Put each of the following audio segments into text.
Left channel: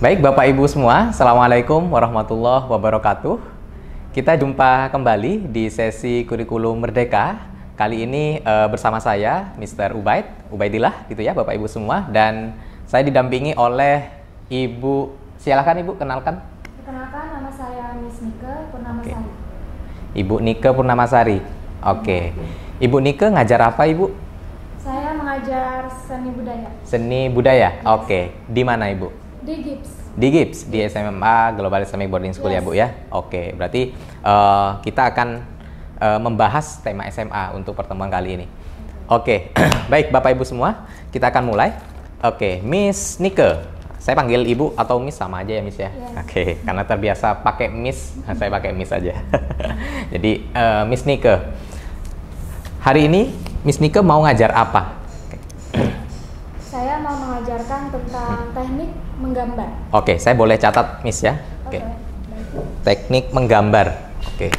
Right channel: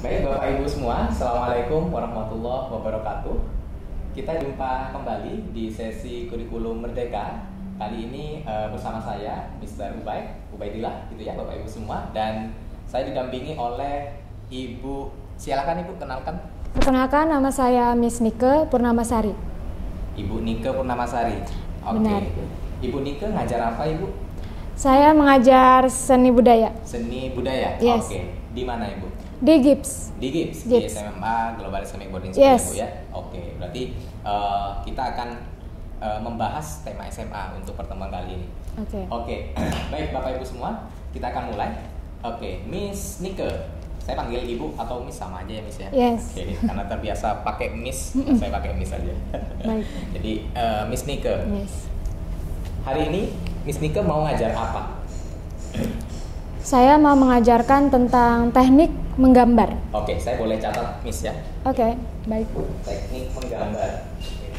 Baik Bapak Ibu semua, Assalamualaikum warahmatullahi wabarakatuh. Kita jumpa kembali di sesi Kurikulum Merdeka. Kali ini bersama saya, Mr. Ubaidillah gitu ya Bapak Ibu semua. Dan saya didampingi oleh Ibu, silakan Ibu kenalkan. Perkenalkan, nama saya Miss Nike Purnamasari. Ibu Nike Purnamasari. Oke. Ibu Nike ngajar apa Ibu? Saya mengajar seni budaya. Seni budaya? Yes. Oke. Di mana Ibu? Di GIPS. Di GIPS, di SMA Global Islamic Boarding School ya Bu ya. Oke, berarti kita akan membahas tema SMA untuk pertemuan kali ini. Oke. Baik Bapak Ibu semua, kita akan mulai. Oke, Miss Nike. Saya panggil Ibu atau Miss sama aja ya Miss ya? Yes. Oke, karena terbiasa pakai Miss, saya pakai Miss aja. Jadi Miss Nike. Hari ini Miss Nike mau ngajar apa? Saya mau mengajarkan tentang teknik menggambar. Oke, saya boleh catat Miss ya? Oke, baik. Teknik menggambar. Oke.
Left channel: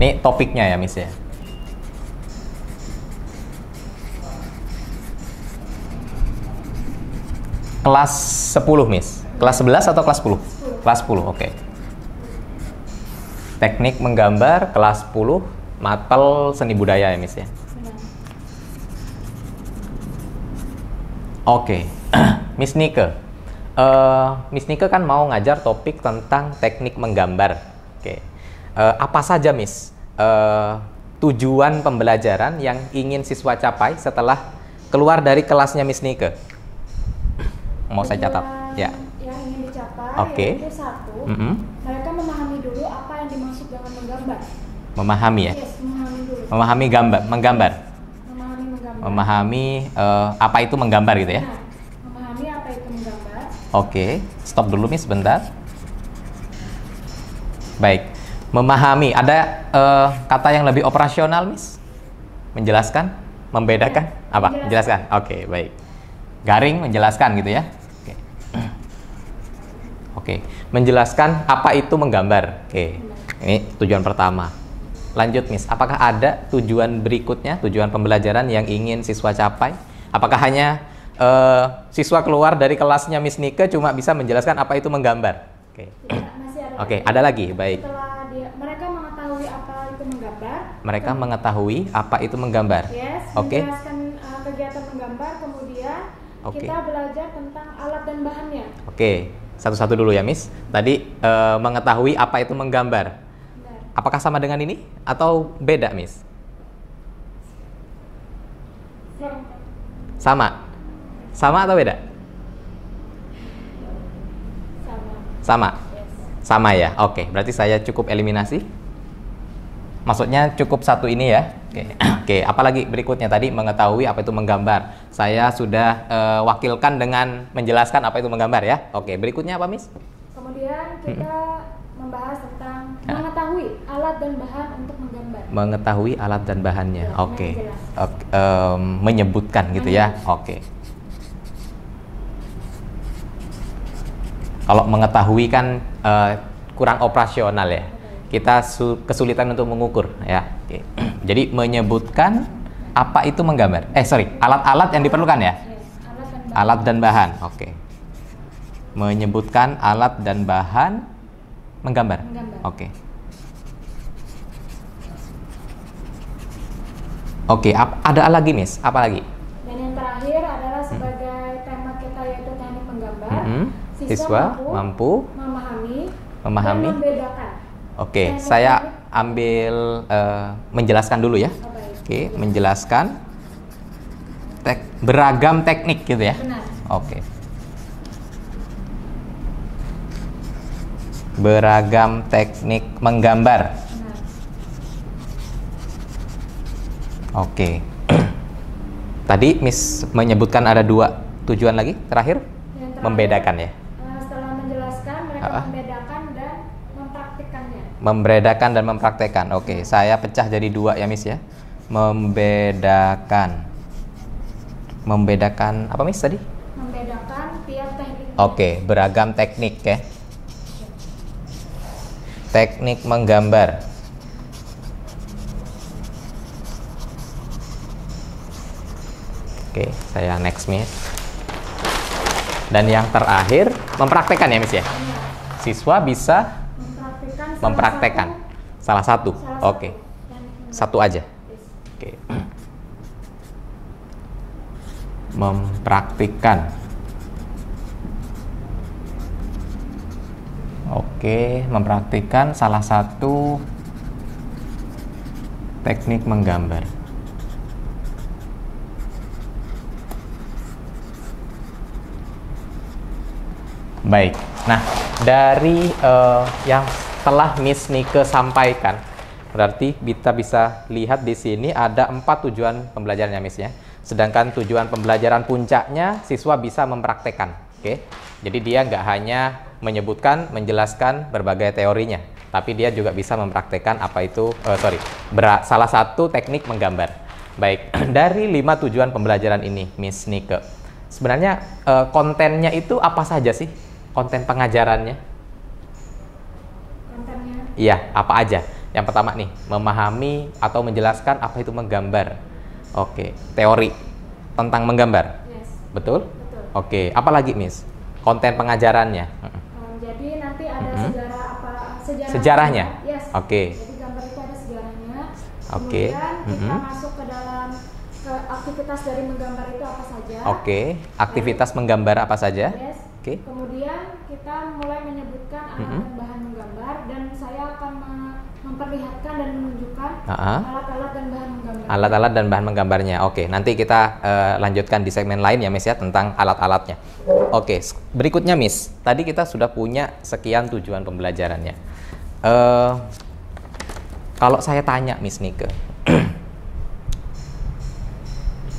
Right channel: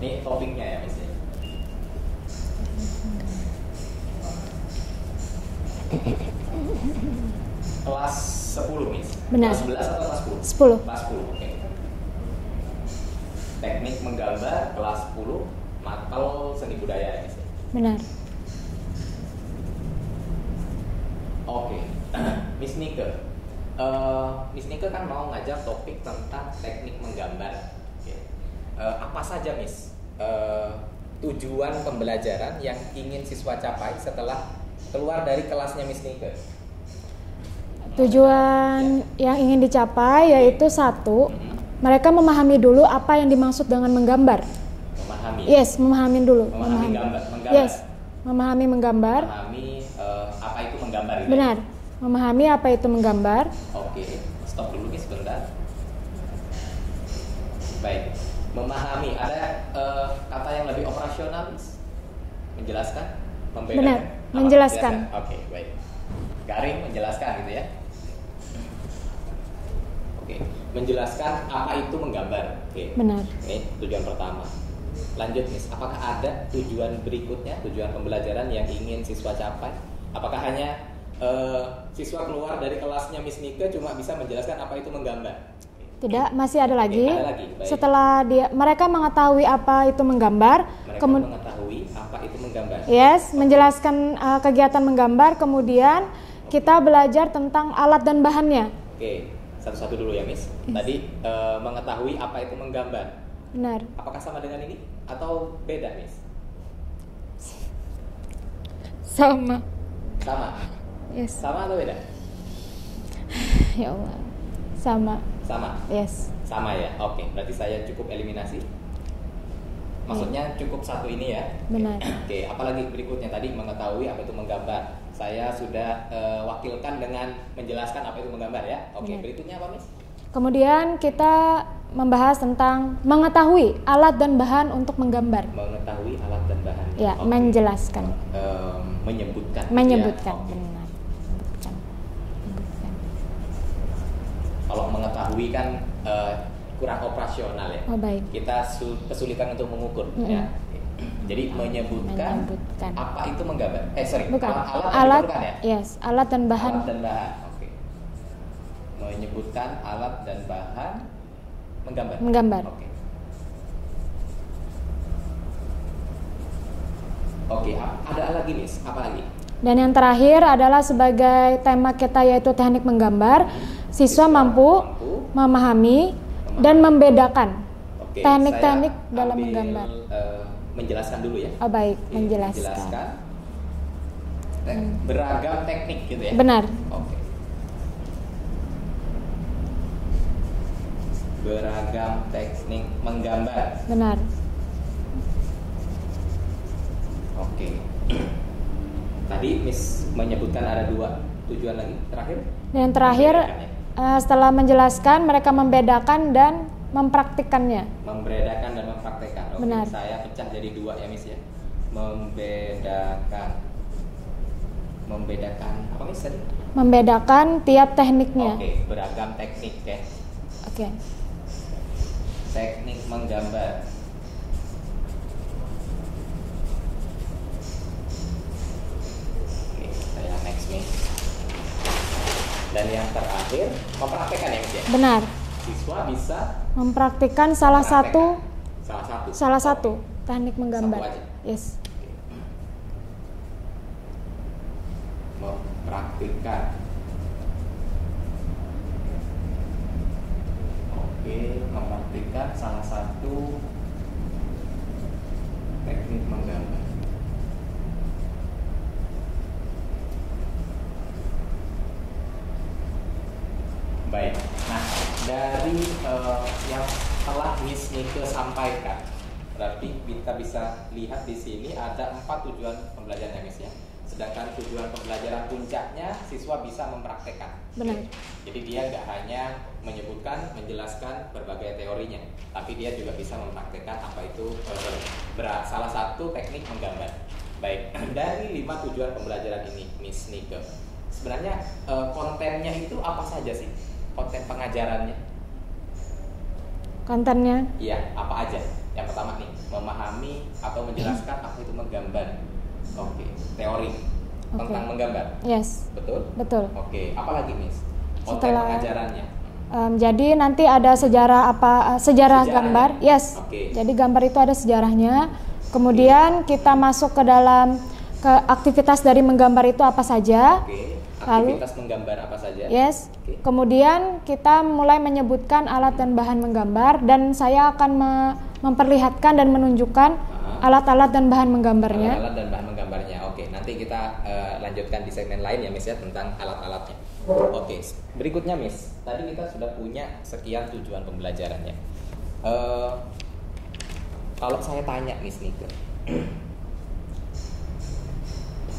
Ini topiknya ya Miss ya? Kelas 10 Miss? Benar. Kelas 11 atau kelas 10? 10. Kelas 10, oke. Teknik menggambar kelas 10, mapel seni budaya ya Miss ya? Benar. Oke, Miss Nike. Miss Nike kan mau ngajar topik tentang teknik menggambar. Oke, apa saja Miss tujuan pembelajaran yang ingin siswa capai setelah keluar dari kelasnya Miss Nike? Mau saya catat. Ya. Yang ingin dicapai yaitu satu, mereka memahami dulu apa yang dimaksud dengan menggambar. Memahami ya? Yes, memahami dulu. Memahami menggambar. Yes. Memahami menggambar. Memahami apa itu menggambar gitu ya? Benar. Memahami apa itu menggambar. Oke, stop dulu Miss sebentar. Baik, memahami. Ada kata yang lebih operasional Miss? Menjelaskan? Membedakan? Benar. Apa? Menjelaskan. Oke, baik. Garing menjelaskan gitu ya? Oke, menjelaskan apa itu menggambar. Oke, Benar. Ini tujuan pertama. Lanjut Miss, apakah ada tujuan berikutnya, tujuan pembelajaran yang ingin siswa capai? Apakah hanya siswa keluar dari kelasnya Miss Nike cuma bisa menjelaskan apa itu menggambar? Tidak, masih ada lagi. Ada lagi, baik. Setelah mereka mengetahui apa itu menggambar. Mereka mengetahui apa itu menggambar. Yes, menjelaskan kegiatan menggambar, kemudian kita belajar tentang alat dan bahannya. Oke, satu-satu dulu ya Miss. Tadi mengetahui apa itu menggambar. Benar. Apakah sama dengan ini atau beda Miss? Sama. Sama? Yes. Sama atau beda? Ya Allah. Sama. Sama? Yes. Sama ya? Oke, berarti saya cukup eliminasi. Maksudnya cukup satu ini ya? Oke, apalagi berikutnya tadi mengetahui apa itu menggambar. Saya sudah wakilkan dengan menjelaskan apa itu menggambar ya? Oke, berikutnya apa Miss? Kemudian kita membahas tentang mengetahui alat dan bahan untuk menggambar. Mengetahui alat dan bahannya. Ya, menjelaskan. Menyebutkan gitu ya? Oke. Kalau mengetahui kan kurang operasional ya. Baik. Kita kesulitan untuk mengukur ya. Oke. Jadi menyebutkan apa itu menggambar. Alat-alat yang diperlukan ya? Yes, alat dan bahan. Alat dan bahan. Oke. Menyebutkan alat dan bahan menggambar. Oke. Oke, ada lagi Miss? Apa lagi? Dan yang terakhir adalah sebagai tema kita yaitu teknik menggambar. Siswa mampu memahami dan membedakan. Oke, saya ambil menjelaskan dulu ya. Baik. Oke, menjelaskan beragam teknik gitu ya. Benar. Oke. Beragam teknik menggambar. Benar. Oke. Tadi Miss menyebutkan ada dua tujuan lagi terakhir. Yang terakhir, membedakan ya. Setelah menjelaskan, mereka membedakan dan mempraktikkannya. Membedakan dan mempraktekkan. Oke, saya pecah jadi dua ya Miss ya. Membedakan. Membedakan apa Miss tadi? Membedakan tiap tekniknya. Oke, beragam teknik ya. Oke. Teknik menggambar. Oke, saya next Miss. Dan yang terakhir, mempraktekkan ya, Miss ya? Benar. Siswa bisa mempraktikkan salah satu Oke. teknik menggambar. Satu aja. Yes. Oke. Mempraktikkan. Oke, mempraktikkan salah satu teknik menggambar. Baik. Nah, dari yang telah Miss Nike sampaikan, berarti kita bisa lihat di sini ada 4 tujuan pembelajarannya, Miss ya. Sedangkan tujuan pembelajaran puncaknya siswa bisa mempraktekkan. Oke. Jadi dia nggak hanya menyebutkan, menjelaskan berbagai teorinya, tapi dia juga bisa mempraktekkan apa itu salah satu teknik menggambar. Baik, dari 5 tujuan pembelajaran ini, Miss Nike, sebenarnya kontennya itu apa saja sih? Konten pengajarannya? Kontennya? Iya, apa aja? Yang pertama nih, memahami atau menjelaskan apa itu menggambar. Oke, teori tentang menggambar. Yes. Betul? Betul. Oke, apa lagi, Miss? Konten pengajarannya? Jadi nanti ada sejarahnya. Gambar. Yes. Oke. Jadi gambar itu ada sejarahnya. Kemudian kita masuk ke dalam aktivitas dari menggambar itu apa saja. Oke. Aktivitas menggambar apa saja? Yes. Oke. Kemudian kita mulai menyebutkan alat dan bahan menggambar, dan saya akan memperlihatkan dan menunjukkan alat-alat dan bahan menggambarnya. Alat-alat dan bahan menggambarnya. Oke, nanti kita lanjutkan di segmen lain ya, Miss ya, tentang alat-alatnya. Oke, berikutnya Miss, tadi kita sudah punya sekian tujuan pembelajarannya. Kalau saya tanya Miss Nike,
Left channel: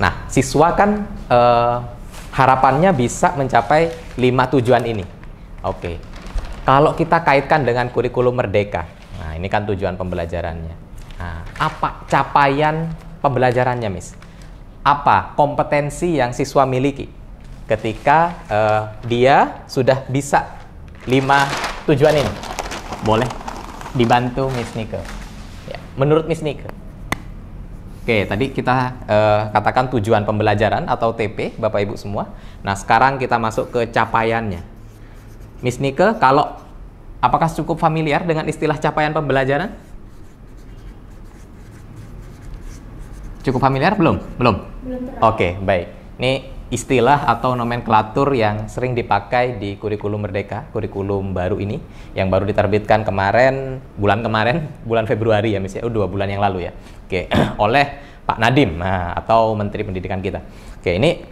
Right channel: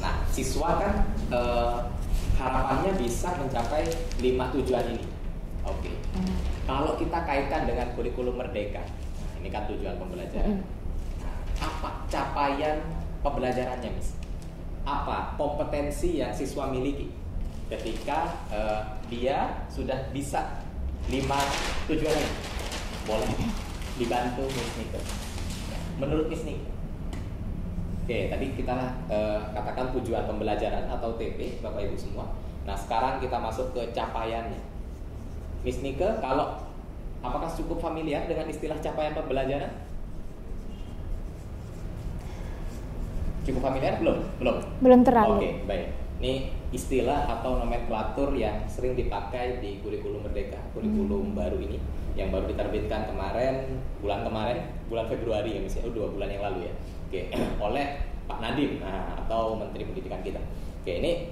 nah siswa kan harapannya bisa mencapai 5 tujuan ini. Oke, kalau kita kaitkan dengan kurikulum Merdeka, nah ini kan tujuan pembelajarannya. Nah, apa capaian pembelajarannya, Miss? Apa kompetensi yang siswa miliki ketika dia sudah bisa 5 tujuan ini? Boleh dibantu Miss Nike. Ya, menurut Miss Nike. Oke, tadi kita katakan tujuan pembelajaran atau TP, Bapak Ibu semua. Nah, sekarang kita masuk ke capaiannya. Miss Nike, apakah cukup familiar dengan istilah capaian pembelajaran? Cukup familiar? Belum terlalu. Oke, baik. Ini istilah atau nomenklatur yang sering dipakai di kurikulum Merdeka, kurikulum baru ini, yang baru diterbitkan bulan Februari ya, Miss ya, 2 bulan yang lalu ya. Oke, oleh Pak Nadiem, atau Menteri Pendidikan kita. Oke, ini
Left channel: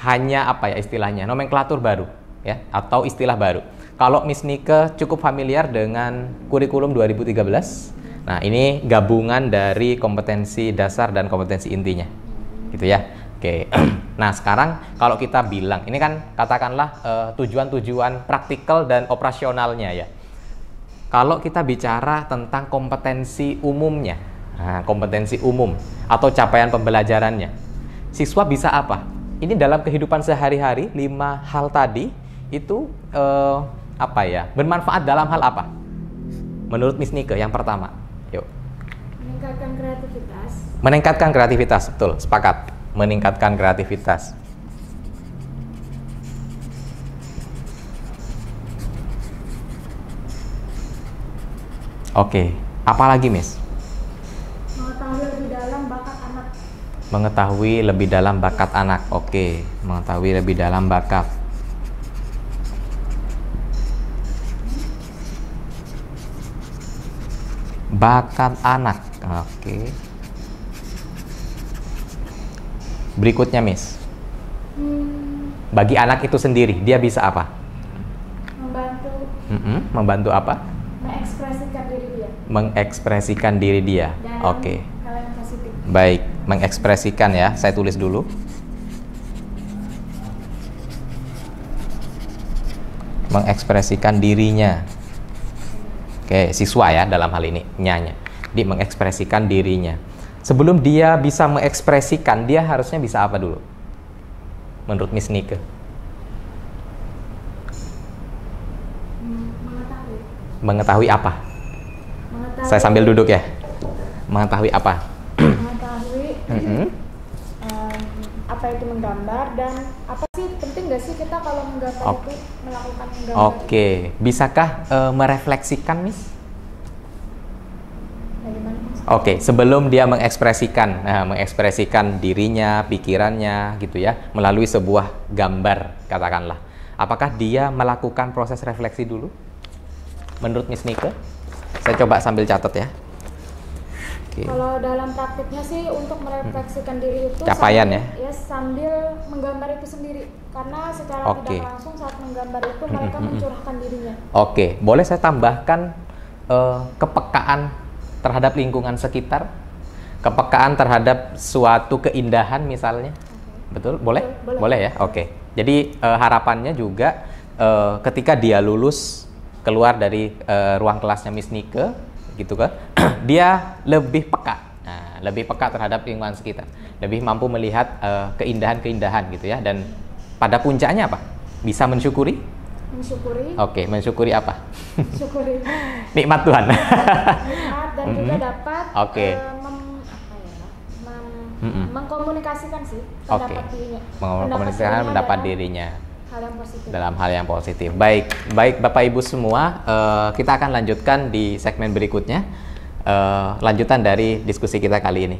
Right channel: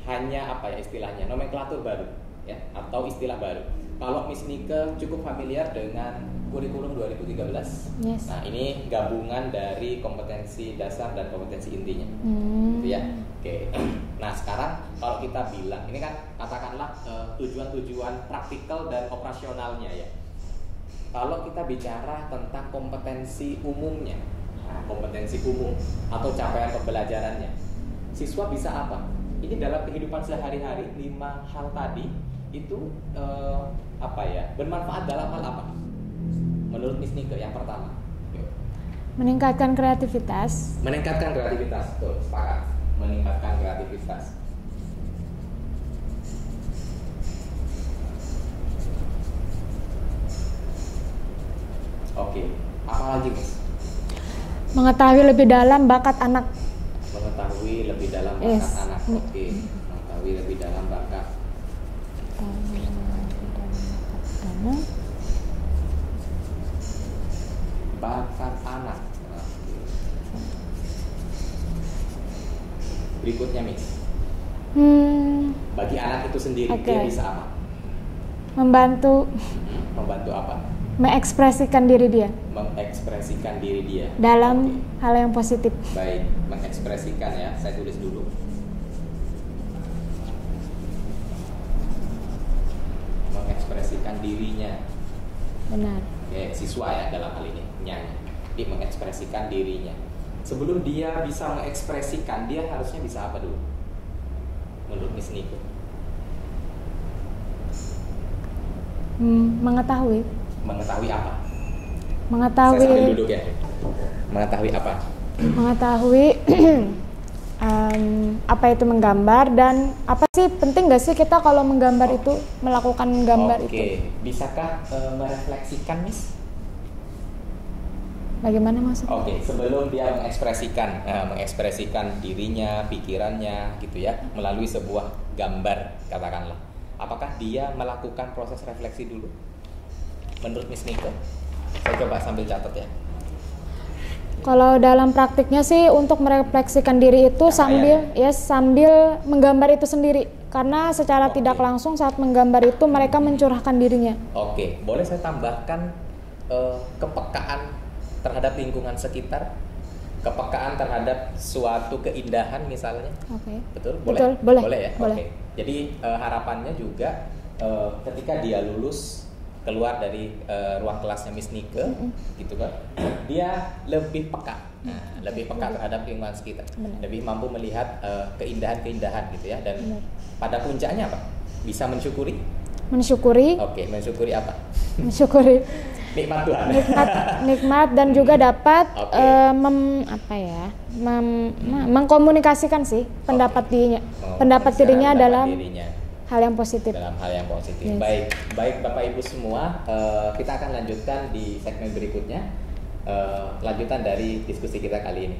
hanya apa ya istilahnya, nomenklatur baru ya, atau istilah baru. Kalau Miss Nike cukup familiar dengan kurikulum 2013, yes. Nah ini gabungan dari kompetensi dasar dan kompetensi intinya, gitu ya. Oke, nah sekarang kalau kita bilang, ini kan katakanlah tujuan-tujuan praktikal dan operasionalnya ya. Kalau kita bicara tentang kompetensi umumnya, nah, kompetensi umum atau capaian pembelajarannya, siswa bisa apa? Ini dalam kehidupan sehari-hari, 5 hal tadi itu bermanfaat dalam hal apa? Menurut Miss Nike yang pertama, yuk. Meningkatkan kreativitas. Meningkatkan kreativitas, betul, sepakat. Meningkatkan kreativitas. Oke, apalagi Miss? Mengetahui lebih dalam bakat anak. Mengetahui lebih dalam bakat anak. Oke, mengetahui lebih dalam bakat. Bakat anak. Oke. Berikutnya, Miss. Bagi anak itu sendiri, dia bisa apa? Membantu. Membantu apa? Mengekspresikan diri dia. Mengekspresikan diri dia. Dalam hal yang positif. Baik, mengekspresikan ya. Saya tulis dulu. Mengekspresikan dirinya. Benar. Oke, siswa ya dalam hal ini, nyanya. Dia mengekspresikan dirinya. Sebelum dia bisa mengekspresikan, dia harusnya bisa apa dulu? Menurut Miss Nike? Mengetahui. Mengetahui apa? Mengetahui. Saya sambil duduk ya. Mengetahui apa? Mengetahui apa itu menggambar dan apa sih penting nggak sih kita kalau menggambar itu melakukan menggambar itu? Bisakah merefleksikan, Miss? Bagaimana maksudnya? Sebelum dia mengekspresikan dirinya, pikirannya gitu ya, melalui sebuah gambar katakanlah. Apakah dia melakukan proses refleksi dulu? Menurut Miss Nike? Saya coba sambil catat ya. Kalau dalam praktiknya sih untuk merefleksikan diri itu sambil menggambar itu sendiri. Karena secara tidak langsung saat menggambar itu mereka mencurahkan dirinya. Boleh saya tambahkan kepekaan terhadap lingkungan sekitar, kepekaan terhadap suatu keindahan misalnya, betul? Boleh? Boleh ya. Boleh. Jadi harapannya juga ketika dia lulus keluar dari ruang kelasnya Miss Nike, gitu kan, dia lebih peka, lebih peka terhadap lingkungan sekitar, lebih mampu melihat keindahan-keindahan gitu ya, dan pada puncaknya apa? Bisa mensyukuri. Mensyukuri apa? Mensyukuri nikmat Tuhan. Nikmat dan juga dapat mengkomunikasikan sih pendapat dirinya dalam hal yang positif. Dalam hal yang positif. Baik Bapak Ibu semua, kita akan lanjutkan di segmen berikutnya, lanjutan dari diskusi kita kali ini.